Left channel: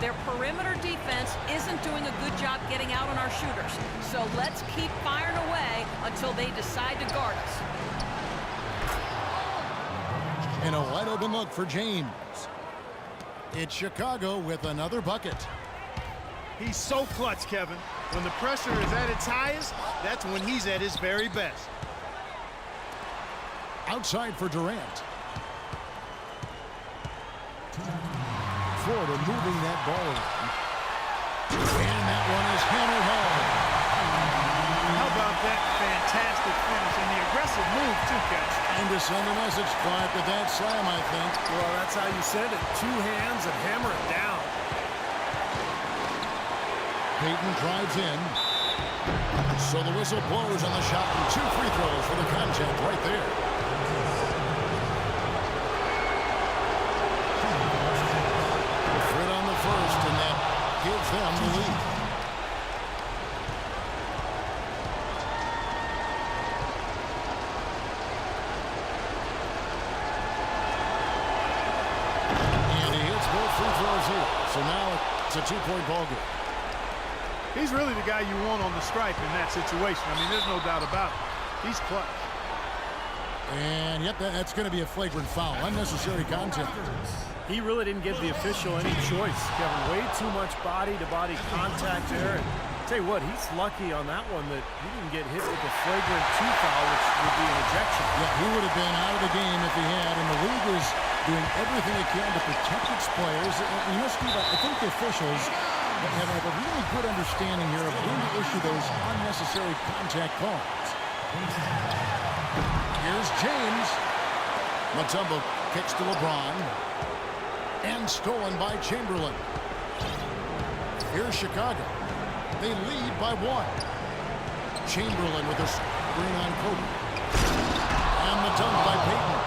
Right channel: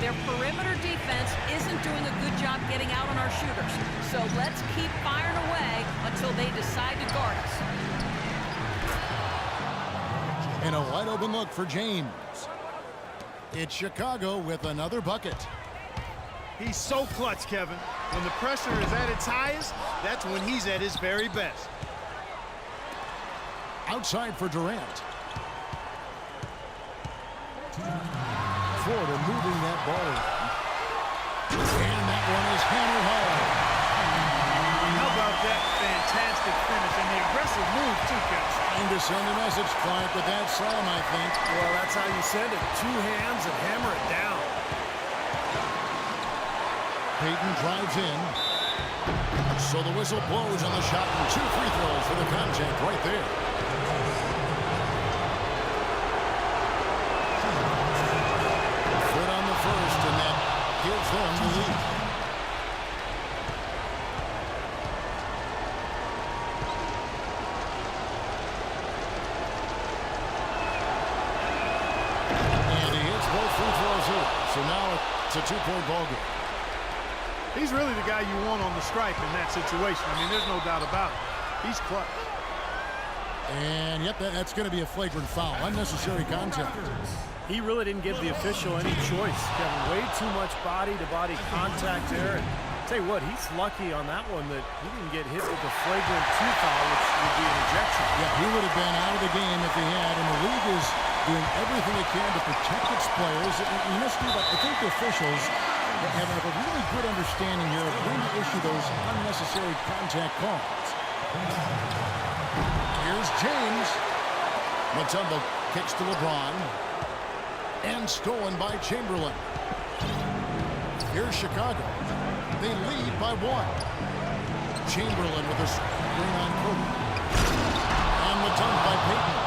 Their perimeter defense isn't doing a good job getting out on our shooters. So let's keep firing away until they decide to guard us. And a wide open look for James. It's Chicago with another bucket. He's so clutch, Kevin. When the pressure is at its highest, that's when he's at his very best. Outside for Durant. Florida moving that ball around. And that one is hammered home. How about that fantastic finish and the aggressive move, too, Kevin? Trying to send a message, Clark, with that slam, I think. Well, that's how you send it. Two hands and hammer it down. Payton drives in. So the whistle blows on the shot and 2 free throws for the contact right there. Fred on the first, and that gives them the lead. And he hits both free throws here. So now it's a 2-point ball game. He's really the guy you want on the stripe in that situation. I mean, there's no doubt about it. He's clutch. And yep, that's going to be a flagrant foul. Unnecessary contact. He really didn't give the official any choice, Kevin. Way too much body-to-body contact there. And tell you what, he's lucky on that one that he didn't get hit with a flagrant 2 foul, which would be an ejection. Yeah, he would have been out of the game if he had. And the league is doing everything it can to protect its players. And you know, Steve, I think the officials have a really good understanding here of when to issue those unnecessary contact calls. Here's James. Mutombo kicks to LeBron. And stolen by Chamberlain. Here's Chicago. They lead by 1. Chamberlain with a screen on Kobe. And the dunk by Payton.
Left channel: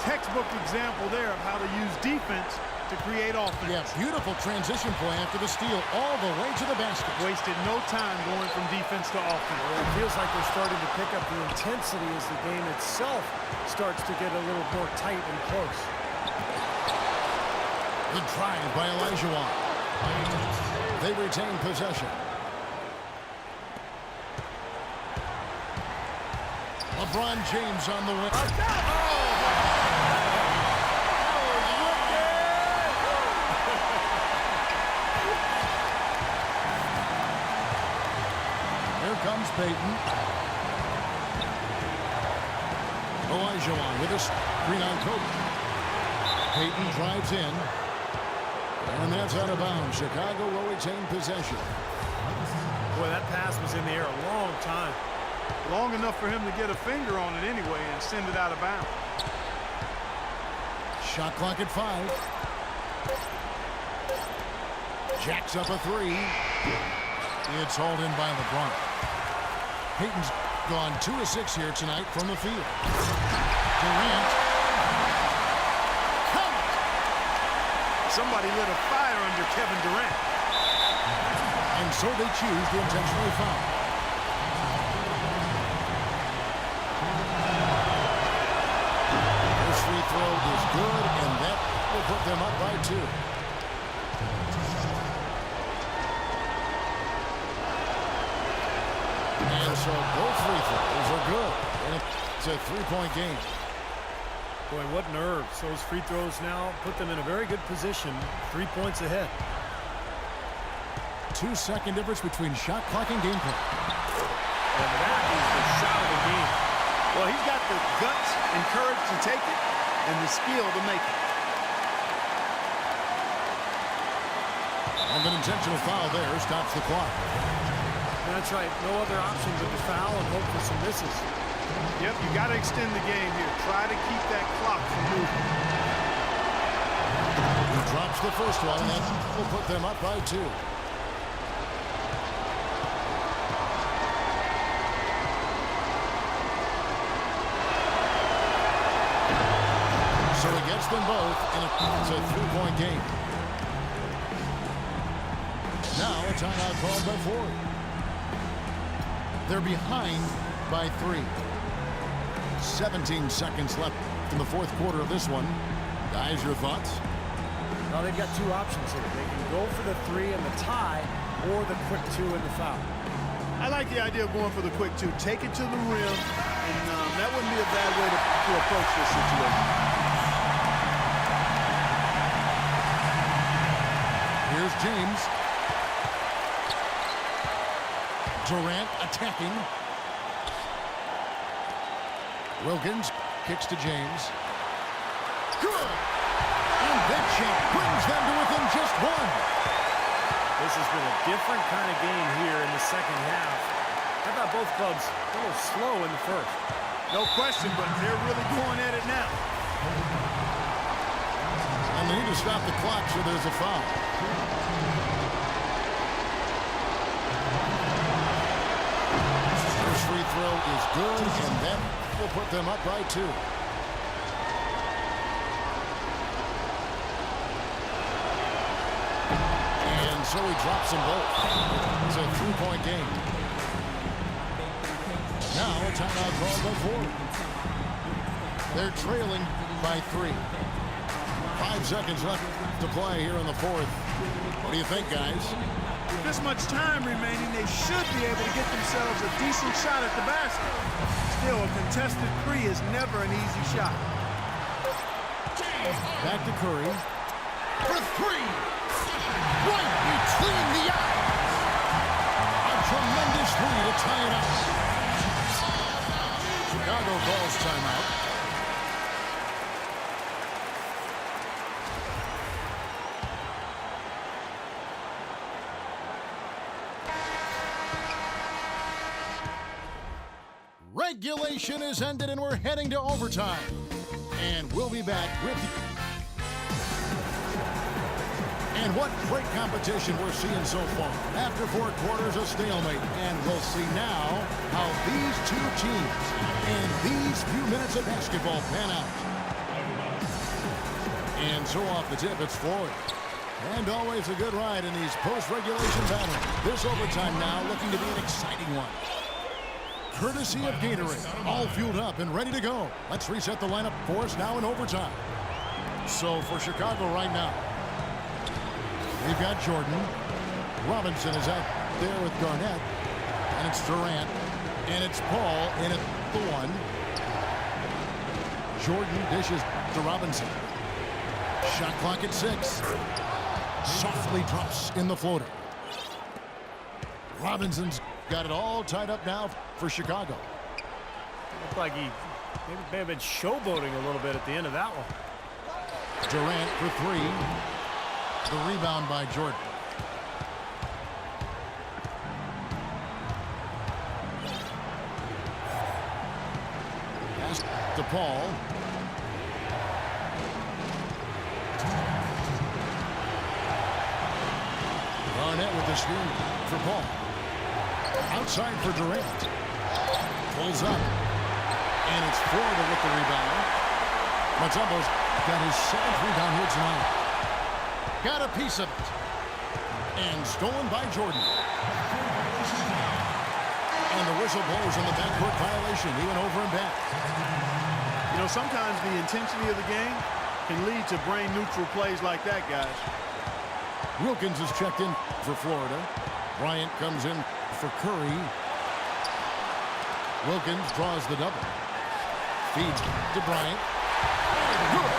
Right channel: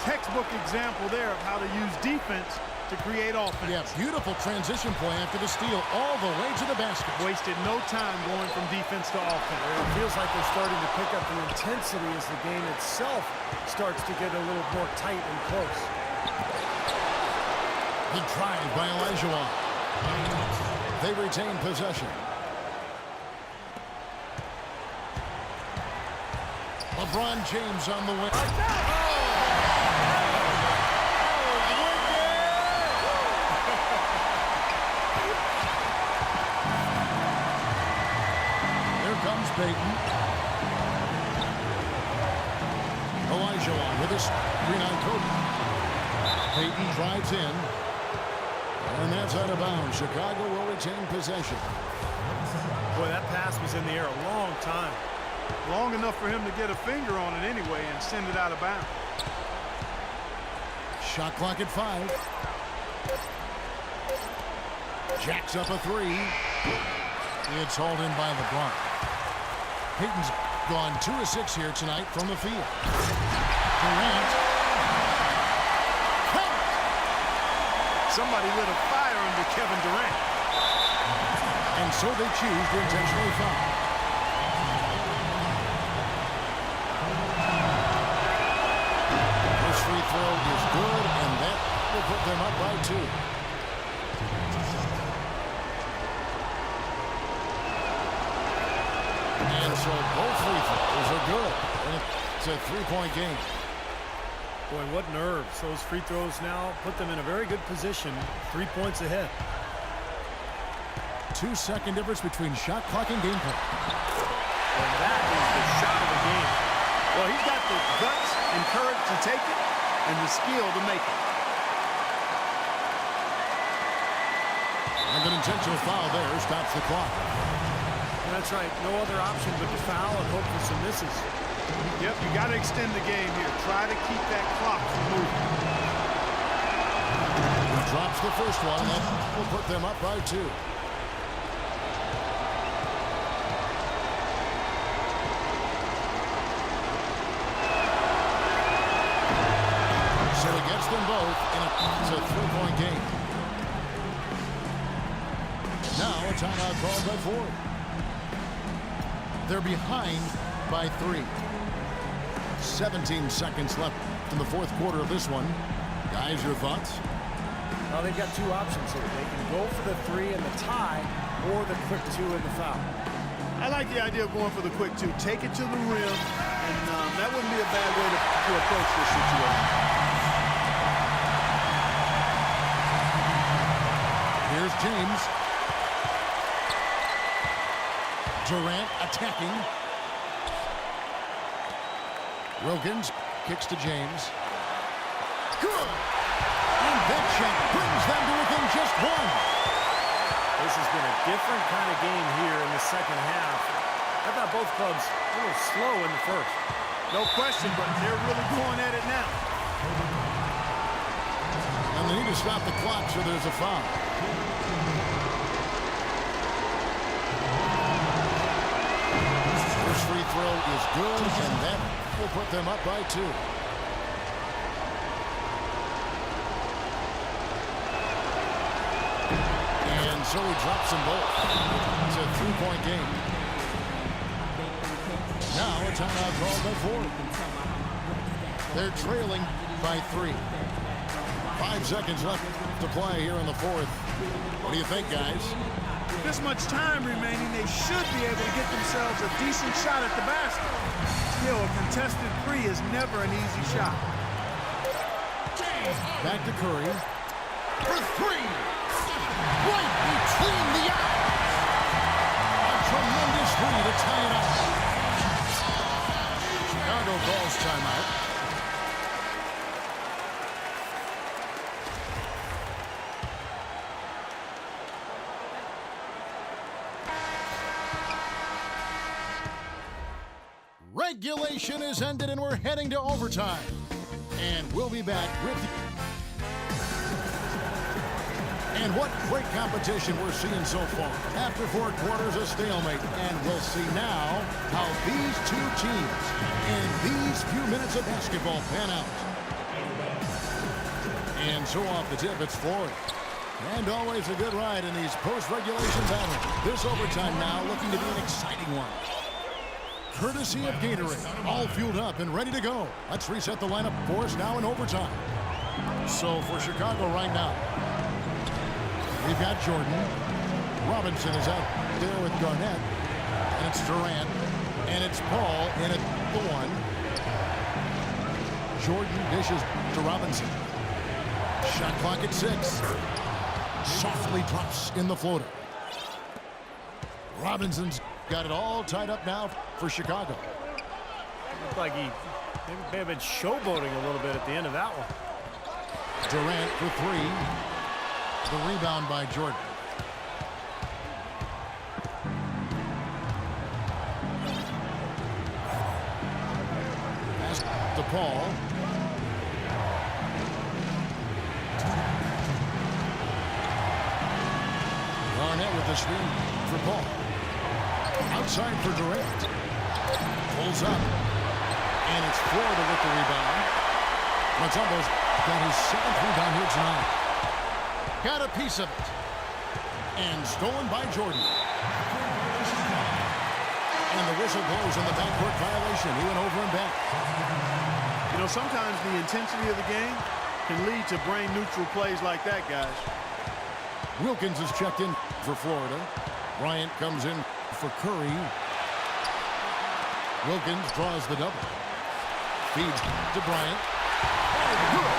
Textbook example there of how to use defense to create offense. Yeah, beautiful transition play after the steal all the way to the basket. Wasted no time going from defense to offense. Well, it feels like they're starting to pick up the intensity as the game itself starts to get a little more tight and close. The drive by Olajuwon. They retain possession. LeBron James on the wing. Here comes Payton. Olajuwon with a screen on Kobe. Payton drives in. And that's out of bounds. Chicago will retain possession. Boy, that pass was in the air a long time. Long enough for him to get a finger on it anyway and send it out of bounds. Shot clock at 5. Jacks up a 3. It's hauled in by LeBron. Payton's gone 2 of 6 here tonight from the field. Durant. Count it! Somebody lit a fire under Kevin Durant. And so they choose to intentionally foul. First free throw is good, and that will put them up by 2. And so both free throws are good. And it's a 3-point game. Boy, what nerves. Those free throws now put them in a very good position. 3 points ahead. 2-second difference between shot clock and game play. And that is the shot of the game. Well, he's got the guts and courage to take it and the skill to make it. And an intentional foul there stops the clock. That's right. No other option but to foul and hope for some misses. Yep, you got to extend the game here. Try to keep that clock from moving. He drops the first one, and that will put them up by 2. So he gets them both, and it's a 3-point game. Now a timeout called by Ford. They're behind by 3. 17 seconds left in the 4th quarter of this one. Guys, your thoughts? Well, they've got two options here. They can go for the 3 and the tie, or the quick 2 and the foul. I like the idea of going for the quick 2. Take it to the rim, and that wouldn't be a bad way to approach this situation. Here's James. Durant attacking. Wilkins kicks to James. Good! And that shot brings them to within just 1. This has been a different kind of game here in the second half. I thought both clubs a little slow in the first. No question, but they're really going at it now. And they need to stop the clock, so there's a foul. First free throw is good, and that will put them up by 2. And so he drops them both. It's a 3-point game. Now a timeout called by Ford. They're trailing by 3. 5 seconds left to play here in the fourth. What do you think, guys? With this much time remaining, they should be able to get themselves a decent shot at the basket. Still, a contested 3 is never an easy shot. Back to Curry. For 3. Right between the eyes. A tremendous 3 to tie it up. Chicago calls timeout. Regulation is ended and we're heading to overtime. And we'll be back with you. And what great competition we're seeing so far. After 4 quarters, a stalemate. And we'll see now how these two teams and these few minutes of basketball pan out. And so off the tip, it's Floyd. And always a good ride in these post-regulation battles. This overtime now looking to be an exciting one. Courtesy of Gatorade, all fueled up and ready to go. Let's reset the lineup for us now in overtime. So for Chicago right now, we've got Jordan. Robinson is out there with Garnett. And it's Durant. And it's Paul in at the 1. Jordan dishes to Robinson. Shot clock at 6. Softly drops in the floater. Robinson's got it all tied up now for Chicago. Looked like he may have been showboating a little bit at the end of that one. Durant for 3. The rebound by Jordan. Pass to Paul. Garnett with the screen for Paul. Outside for Durant. Pulls up. And it's Florida with the rebound. Mutombo's got his 7th rebound here tonight. Got a piece of it. And stolen by Jordan. And the whistle blows on the backcourt violation. He went over and back. You know, sometimes the intensity of the game can lead to brain-neutral plays like that, guys. Wilkins is checked in for Florida. Bryant comes in for Curry. Wilkins draws the double. Feeds to Bryant. Oh, good.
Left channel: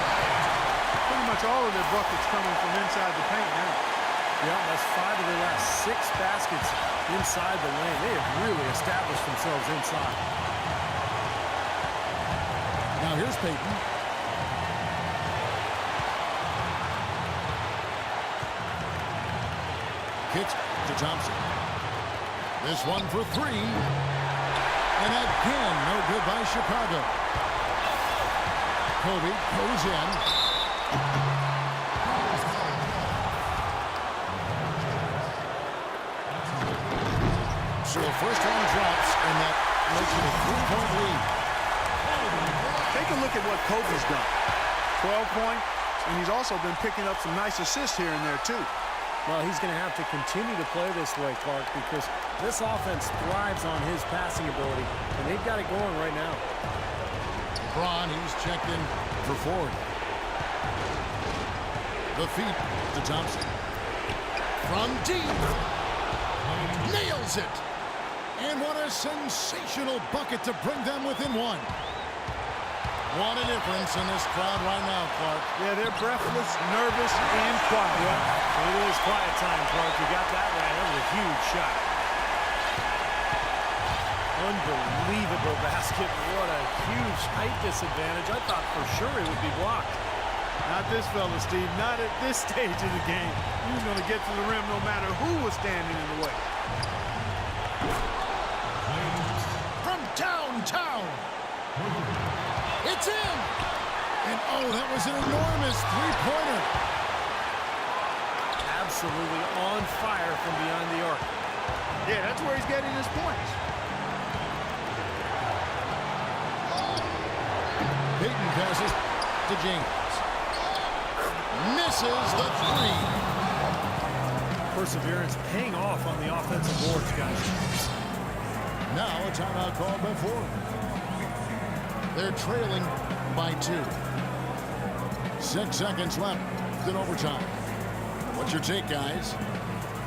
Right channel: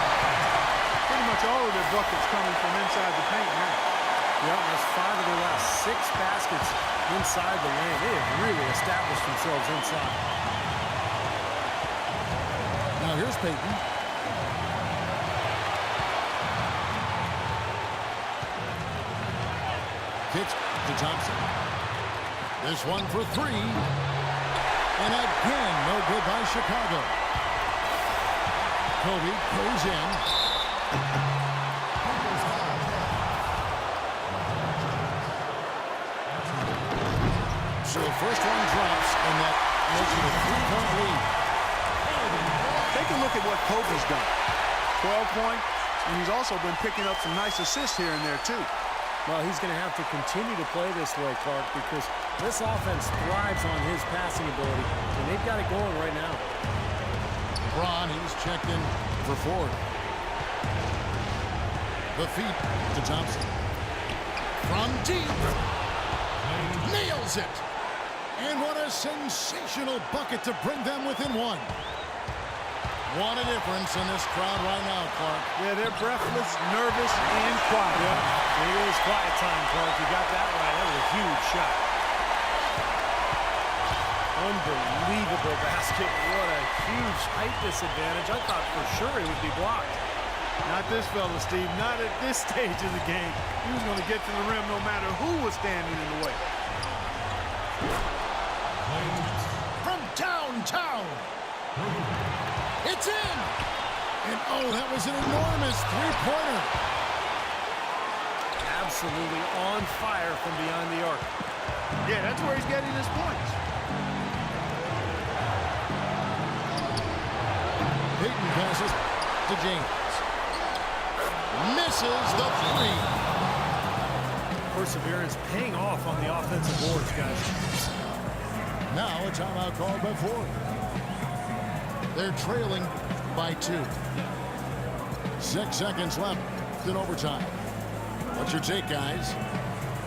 Pretty much all of their buckets coming from inside the paint now. Yeah, that's 5 of their last 6 baskets inside the lane. They have really established themselves inside. Now here's Payton. Kicks to Thompson. This one for 3. And again, no good by Chicago. Kobe goes in. So the first one drops, and that makes it a 3-point lead. Take a look at what Kobe's done. 12 points, and he's also been picking up some nice assists here and there, too. Well, he's going to have to continue to play this way, Clark, because this offense thrives on his passing ability, and they've got it going right now. LeBron, he's checked in for Ford. The feed to Thompson. From deep. Nails it. And what a sensational bucket to bring them within one. What a difference in this crowd right now, Clark. Yeah, they're breathless, nervous, and quiet. Yeah, it is quiet time, Clark. You got that right. That was a huge shot. Unbelievable basket. What a huge height disadvantage. I thought for sure it would be blocked. Not this fella, Steve. Not at this stage of the game. He was going to get to the rim no matter who was standing in the way. From downtown. It's in. And oh, that was an enormous three-pointer. Absolutely on fire from beyond the arc. Yeah, that's where he's getting his points. Payton passes to James. Misses the three. Perseverance paying off on the offensive boards, guys. Now a timeout called by Ford. They're trailing by 2. 6 seconds left in overtime. What's your take, guys?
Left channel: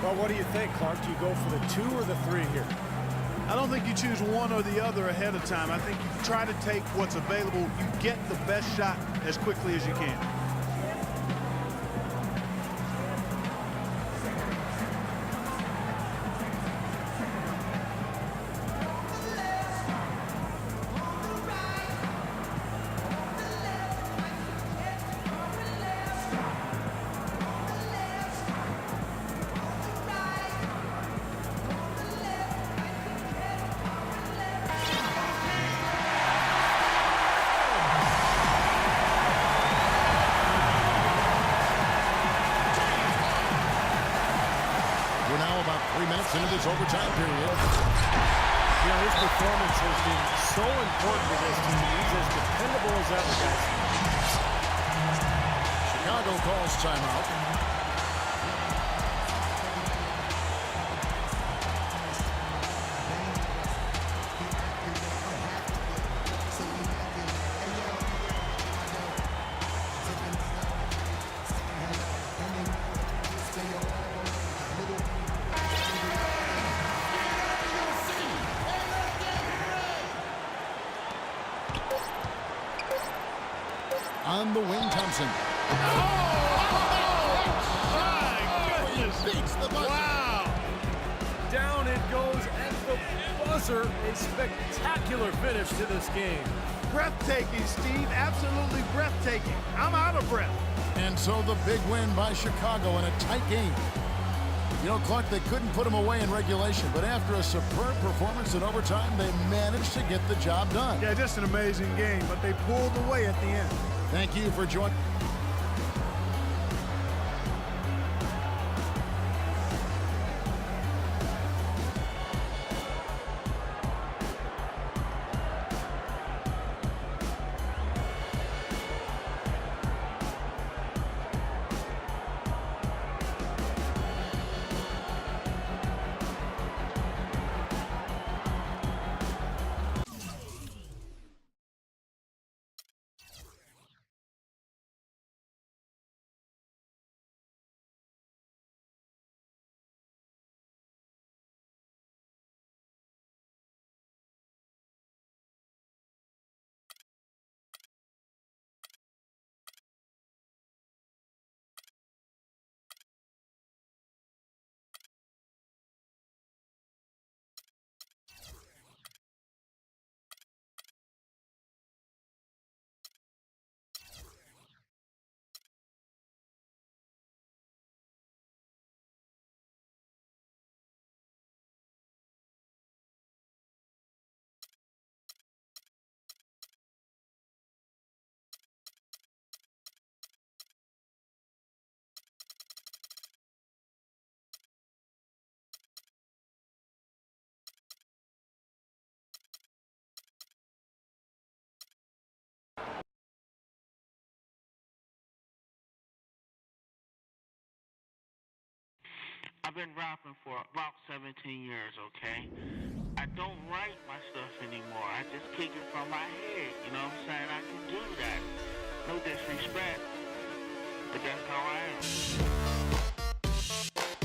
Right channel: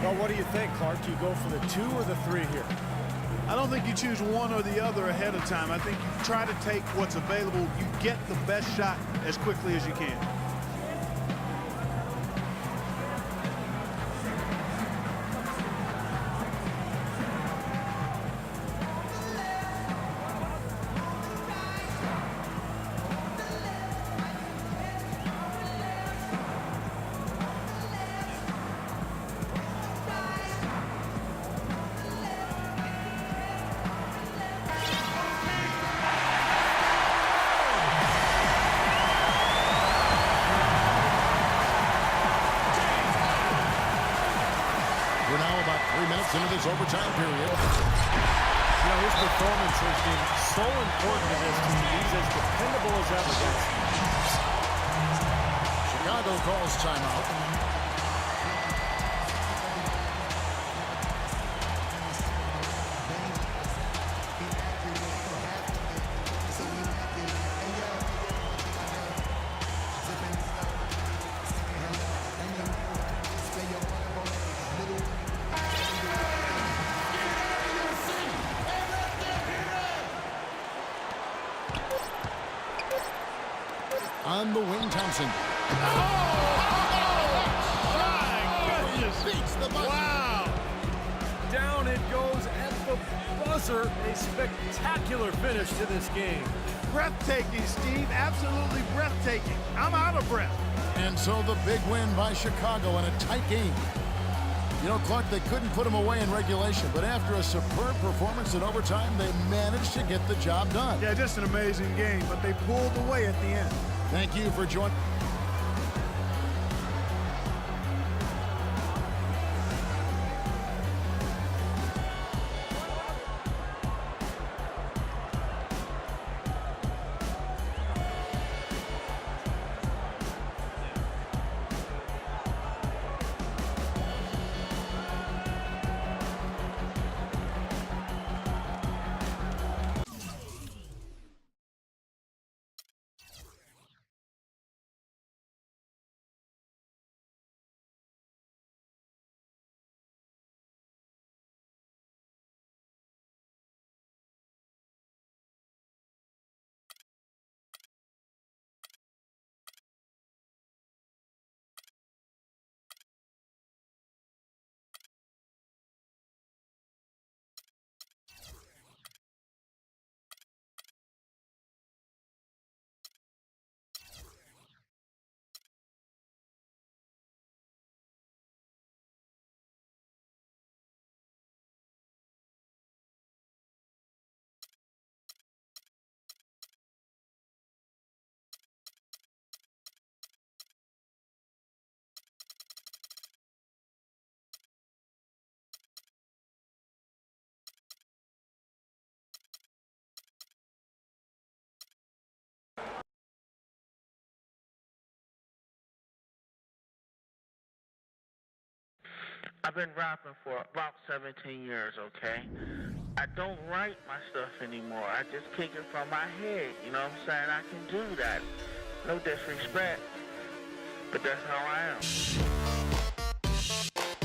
Well, what do you think, Clark? Do you go for the 2 or the 3 here? I don't think you choose one or the other ahead of time. I think you try to take what's available. You get the best shot as quickly as you can. We're now about 3 minutes into this overtime period. You know, his performance has been so important to this team. He's as dependable as ever, guys. Chicago calls timeout. On the wing, Thompson. Beats the buzzer. Wow! Down it goes at the buzzer. A spectacular finish to this game. Breathtaking, Steve. Absolutely breathtaking. I'm out of breath. And so the big win by Chicago in a tight game. You know, Clark, they couldn't put him away in regulation, but after a superb performance in overtime, they managed to get the job done. Yeah, just an amazing game, but they pulled away at the end. Thank you for joining. I've been rapping for about 17 years, okay? I don't write my stuff anymore. I just kick it from my head, you know what I'm saying? I can do that. No disrespect. But that's how I am.